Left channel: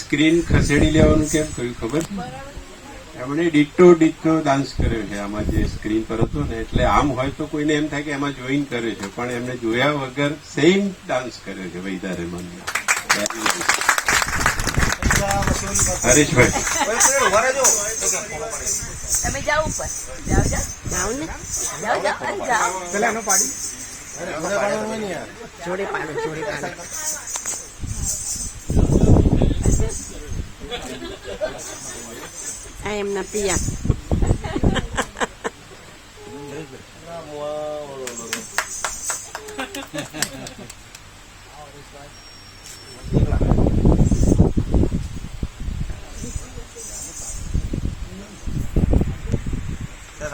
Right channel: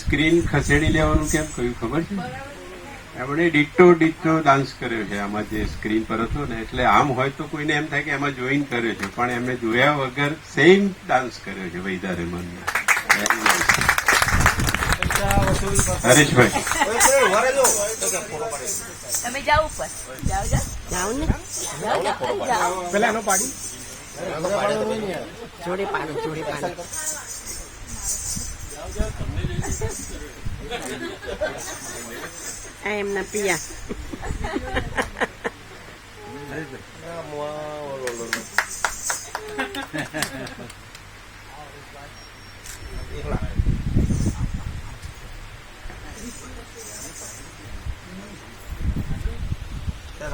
સ્ક્રીન ખસેડી લેવાનું કેમ કહ્યું ખબર છે? એમણે ડિટ્ટો ડાન્સ કર્યો છે આમાં જે સ્ક્રીન પર હતો ને, એટલે આમ હોય તો કોઈને એમ થાય કે એમાં જોઈન કર્યો છે, પણ એમને જોયા વગર સેમ ડાન્સ કર્યો છે વૈદા રહેમાનનો. હરેશભાઈ તમે જાઓ ઉપર જાઓ ને પેલા પાડી જોડે પાડો આ એમના પિયા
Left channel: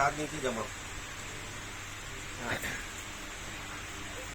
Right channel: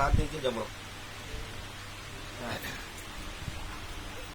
4 દિવસથી જમણ